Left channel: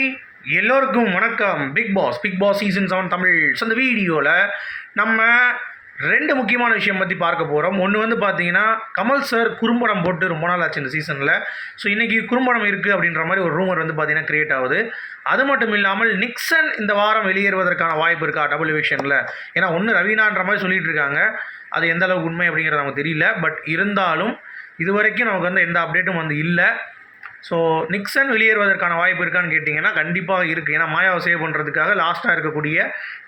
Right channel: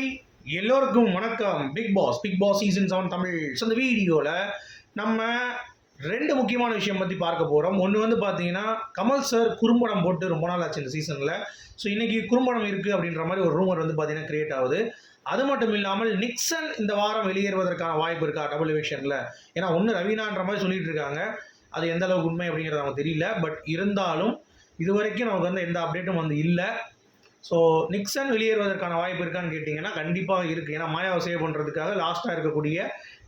Hi எல்லோருக்கும் வணக்கம். Big boss big boss season seven Tamil. So இந்த வீடியோவில் நம்ம ரெண்டு முக்கியமான விஷயம் பற்றி பார்க்க போகிறோம் ஒன்று வந்து பார்த்தீங்கன்னா கமல் சார் குறும்படம் போட்டு ரொம்ப நாள் ஆச்சு இந்த சீசனில் ஸோ இன்றைக்கி குறும்படம் இருக்குது அப்படின்ற மாதிரி ஒரு ரூமர் வந்து பார்த்திங்கன்னா க்ரியேட் ஆகுது. அது மட்டும் இல்லாமல் நிக்சன் இந்த வாரம் வெளியேறுவதற்கான வாய்ப்பு இருக்கா டபுள் விஷனில் ஏன்னா ஒன்று ரவீனான்ற மாதிரி சொல்லிகிட்டு இருக்காங்க. அது எந்த அளவுக்கு உண்மை அப்படிங்கிறது நமக்கு தெரியல. பட் இருந்தாலும் இது வரைக்கும் நமக்கு வந்து எந்த அப்டேட்டும் வந்து இல்லை. ஸோ நிக்சன் வெளியேறுவதற்கான வாய்ப்பு இருக்கான்னு கேட்டிங்கன்னா கண்டிப்பாக இருக்குது ஏன்னா மாயாவை சேவ் பண்ணுறதுக்காக லாஸ்ட்டாக இருக்கக்கூடிய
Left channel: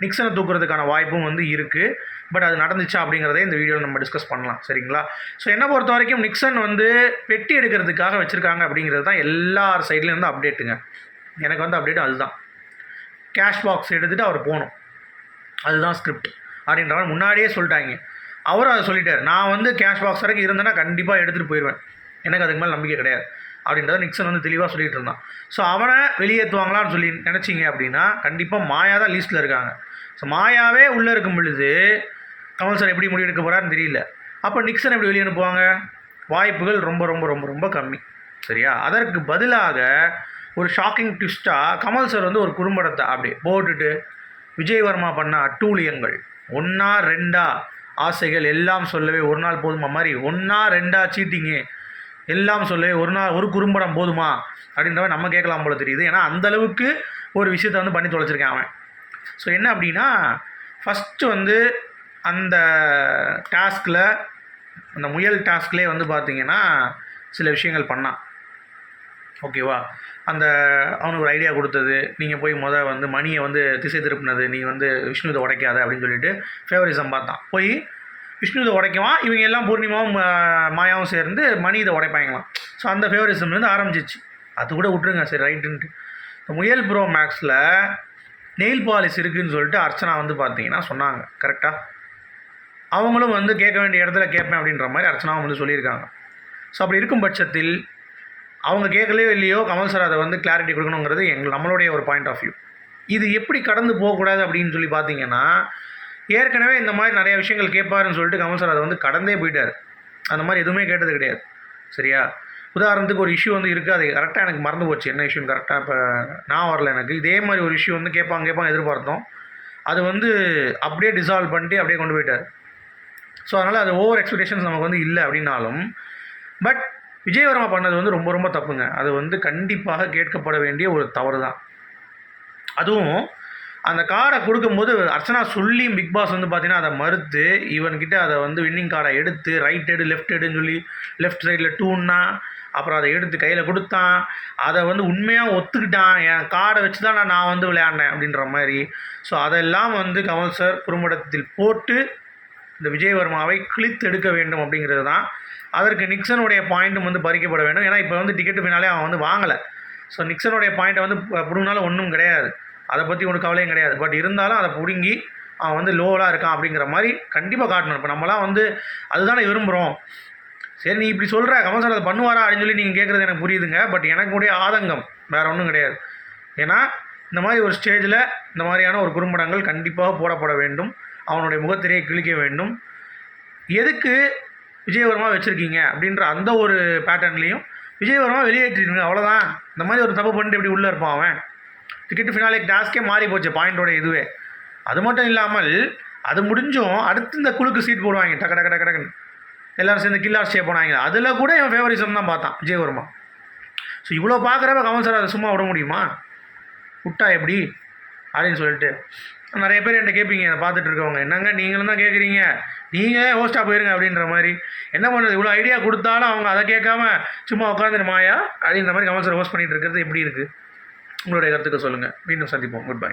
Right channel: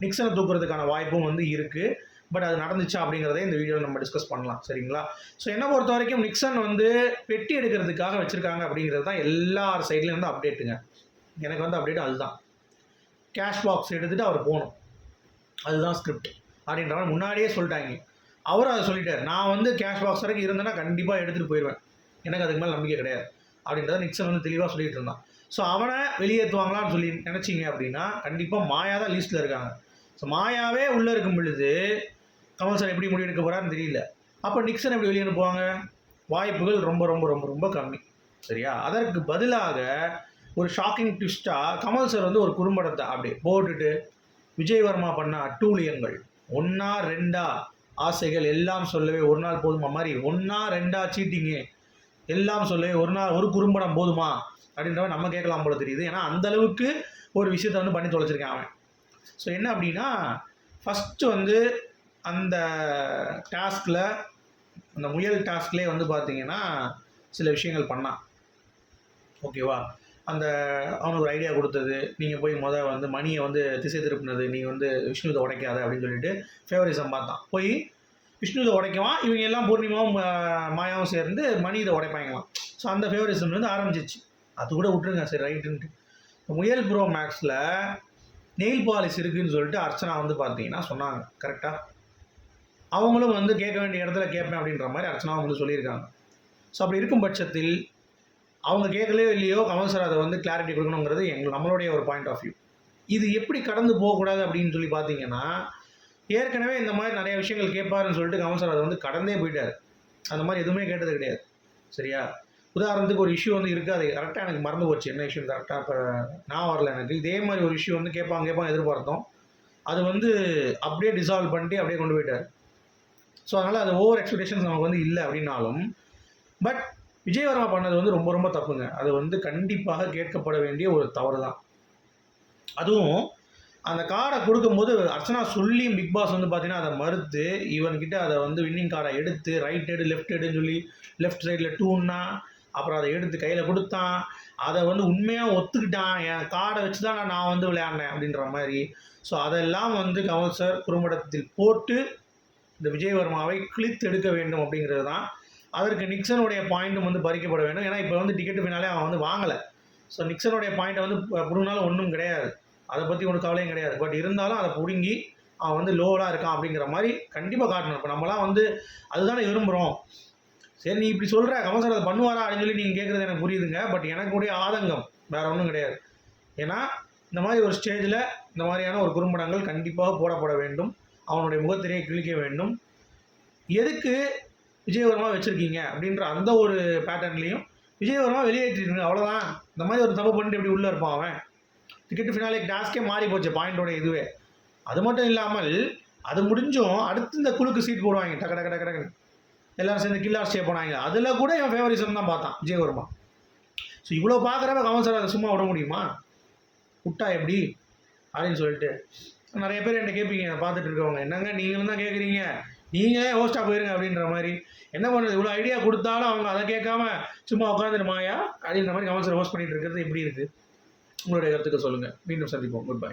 நிக்சனை தூக்குறதுக்கான வாய்ப்பும் வந்து இருக்குது பட் அது நடந்துச்சா அப்படிங்கிறதே இந்த வீடியோவில் நம்ம டிஸ்கஸ் பண்ணலாம். சரிங்களா? ஸோ என்னை பொறுத்த வரைக்கும் நிக்சன் வந்து பெட்டி எடுக்கிறதுக்காக வச்சுருக்காங்க அப்படிங்கிறது தான் எல்லார் சைட்லேயும் அப்டேட்டுங்க எனக்கு வந்து அப்டேட் அதுதான். கேஷ் பாக்ஸ் எடுத்துகிட்டு அவர் போகணும். அதுதான் ஸ்கிரிப்ட் அப்படின்ற மாதிரி முன்னாடியே சொல்லிட்டாங்க. அவரும் அதை சொல்லிட்டார். நான் வந்து கேஷ் பாக்ஸ் வரைக்கும் இருந்தேன்னா கண்டிப்பாக எடுத்துகிட்டு போயிடுவேன் எனக்கு அதுக்கு மேலே நம்பிக்கை கிடையாது. அப்படின்றத நிக்சன் வந்து தெளிவாக சொல்லிகிட்டு இருந்தான். ஸோ அவனை வெளியேற்றுவாங்களான்னு சொல்லி நினச்சிங்க அப்படின்னா கண்டிப்பாக மாயா தான் லீஸ்ட்டில் இருக்காங்க. ஸோ மாயாவே உள்ளே இருக்கும் பொழுது கமல் சார் எப்படி முடிவெடுக்க போகிறாருன்னு தெரியல. அப்போ நிக்சன் எப்படி வெளியே அனுப்புவாங்க? வாய்ப்புகள் ரொம்ப ரொம்ப ரொம்ப ரொம்ப கம்மி. சரியா? அதற்கு பதிலாக ஒரு ஷாக்கிங் ட்விஸ்ட்டாக கமல் சார் வந்து ஒரு குறும்படத்தை அப்படியே போட்டுட்டு விஜயவர்மா பண்ண அட்டூழியங்கள். ஒன்றா ரெண்டா ஆசைகள் எல்லாம் சொல்லவே ஒரு நாள் போதுமா மாதிரி ஒன்றா ரெண்டா சீட்டிங்கு எல்லாம் சொல்லு ஒரு நாள் ஒரு குறும்படம் போதுமா? அப்படின்றவ நம்ம கேட்கலாம் போல தெரியுது. ஏன்னா அந்தளவுக்கு ஒரு விஷயத்தை வந்து பண்ணி தொலைச்சிருக்கேன் அவன். ஸோ என்ன அப்படின்னா ஃபஸ்ட்டு வந்து அந்த டாஸ்கில் அந்த முயல் டாஸ்க்லேயே வந்து பார்த்தீங்கன்னா சில விஷயங்கள் பண்ணான். ஓகேவா அந்த அவனுக்கு ஒரு ஐடியா கொடுத்தது. நீங்கள் போய் முத வந்து மணியை வந்து திசை திருப்பினது. நீ வந்து விஷ்ணுவை உடைக்காத அப்படின்னு சொல்லிட்டு ஃபேவரிசம் பார்த்தான். போய் விஷ்ணு இதை உடைக்குவான் இவங்க எல்லாம் பூர்ணிமாவும் மாயாவும் சேர்ந்து மணி இதை உடைப்பாங்களாம். ஸோ அந்த ஃபேவரிசம்லேருந்து ஆரம்பிச்சிச்சு. அது கூட விட்ருங்க சரி ரைட்டுன்ட்டு. இந்த முயல் ப்ரோ மேக்ஸில் நெயில் பாலிஷ் இருக்குதுன்னு சொல்லிட்டு அர்ச்சனா வந்து பார்த்தீங்கன்னா சொன்னாங்க கரெக்டாக அவங்களும் வந்து கேட்க வேண்டிய இடத்துல கேட்பேன் அப்படின்ற மாதிரி அர்ச்சனாவும் வந்து சொல்லியிருக்காங்க. ஸோ அப்படி இருக்கும் பட்சத்தில் அவங்க கேட்கலையோ இல்லையோ கமல் சார் அதை வந்து கிளாரிட்டி கொடுக்கணுங்கிறது எங்கள் நம்மளுடைய ஒரு பாயிண்ட் ஆஃப் வியூ இது எப்படி கடந்து போகக்கூடாது அப்படின்னு சொல்லி பார்த்தீங்கன்னா ஏற்கனவே இந்த மாதிரி நிறைய விஷயங்கள் கேட்பாருன்னு சொல்லிட்டு கமல் சார் அதை வந்து கடந்தே போயிட்டார். அந்த மாதிரி எதுவுமே கேட்டது கிடையாது. சரியா? உதாரணத்துக்கு ஒரு இஷ்யூ வந்து இருக்குது. அது கரெக்டாக எனக்கு மறந்து போச்சு. என்ன இஷ்யூ கரெக்டாக இப்போ நான் வரல எனக்கு. இதே மாதிரி ஒரு இஷ்யூ வந்து கேட்பாங்க கேட்பாங்க எதிர்பார்த்தோம். அது வந்து அப்படியே டிசால்வ் பண்ணிட்டு அப்படியே கொண்டு போயிட்டார். ஸோ அதனால் அது ஓவர் எக்ஸ்பெக்டேஷன்ஸ் நமக்கு வந்து இல்லை அப்படின்னாலும் பட் விஜயவர்மா பண்ணது வந்து ரொம்ப ரொம்ப தப்புங்க. அது வந்து கண்டிப்பாக கேட்கப்பட வேண்டிய ஒரு தவறு தான் அதுவும் அந்த கார்டை கொடுக்கும்போது அர்ச்சனா சொல்லி பிக் பாஸ் வந்து பார்த்தீங்கன்னா அதை மறுத்து இவன்கிட்ட அதை வந்து வின்னிங் கார்டை எடுத்து ரைட் எடு லெஃப்ட் எடுன்னு சொல்லி லெஃப்ட் சைடில் டூன்னா அப்புறம் அதை எடுத்து கையில் கொடுத்தான். அதை வந்து உண்மையாக ஒத்துக்கிட்டான். என் கார்டை வச்சு தான் நான் நான் வந்து விளையாடினேன் அப்படின்ற மாதிரி. ஸோ அதெல்லாம் வந்து கமல் சார் குறும்படத்தில் போட்டு இந்த விஜயவர்மாவை கிழித்து எடுக்க வேண்டும் அப்படிங்கிறது தான். அதற்கு நிக்சனுடைய பாயிண்ட்டும் வந்து பறிக்கப்பட வேண்டும். ஏன்னா இப்போ வந்து டிக்கெட்டு பின்னாலே அவன் வந்து வாங்கலை. ஸோ நிக்சனுடைய பாயிண்ட்டை வந்து பிடுங்கினாலும் ஒன்றும் கிடையாது. அதை பற்றி ஒன்றும் கவலையும் கிடையாது. பட் இருந்தாலும் அதை பிடுங்கி அவன் வந்து லோவலாக இருக்கான் அப்படிங்கிற மாதிரி கண்டிப்பாக காட்டணும். இப்போ நம்மலாம் வந்து அதுதானே விரும்புகிறோம் சரி நீ இப்படி சொல்கிற கமல் சார் அதை பண்ணுவாரா அப்படின்னு சொல்லி நீங்கள் கேட்குறது எனக்கு புரியுதுங்க. பட் எனக்கு உடைய ஆதங்கம் வேறு ஒன்றும் கிடையாது. ஏன்னா இந்த மாதிரி ஒரு ஸ்டேஜில் இந்த மாதிரியான ஒரு குறும்படங்கள் கண்டிப்பாக போடப்பட வேண்டும். அவனுடைய முகத்திரையை கிழிக்க வேண்டும். எதுக்கு விஜயவர்மா வச்சுருக்கீங்க அப்படின்ற அந்த ஒரு பேட்டர்ன்லேயும் விஜயவர்மா வெளியேற்றிருக்கீங்க அவ்வளோதான் இந்த மாதிரி ஒரு தப்பு பண்ணிட்டு இப்படி உள்ளே இருப்பான் அவன்? டிக்கெட் ஃபினாலே டாஸ்க்கே மாறி போச்சு பாயிண்டோட இதுவே அது மட்டும் இல்லாமல் அது முடிஞ்சும் அடுத்து இந்த குழுக்கு சீட் போடுவாங்க டக்கு டக்கு டக்கு டக்குன்னு எல்லாரும் சேர்ந்து கில்லார் ஸ்டே போனாங்க. அதில் கூட என் ஃபேவரிசம் தான் பார்த்தான் விஜயவர்மா ஸோ இவ்வளோ பார்க்குறப்ப கமல் சார் அதை சும்மா விட முடியுமா? விட்டா எப்படி? அப்படின்னு சொல்லிட்டு. நிறைய பேர் என்கிட்ட கேட்பீங்க அதை பார்த்துட்டு இருக்கவங்க. என்னங்க நீங்களும் தான் கேட்குறீங்க? நீங்கள் ஹோஸ்ட்டாக போயிருங்க அப்படின்ற மாதிரி. என்ன பண்ணுறது? இவ்வளோ ஐடியா கொடுத்தாலும் அவங்க அதை கேட்காம சும்மா உட்காந்துருமாயா அப்படின்ற மாதிரி கமல் சார் ஹோஸ்ட் பண்ணிகிட்டு இருக்கிறது எப்படி இருக்குது உங்களுடைய கருத்துக்கள் சொல்லுங்கள் மீண்டும் சந்திப்போம். Good bye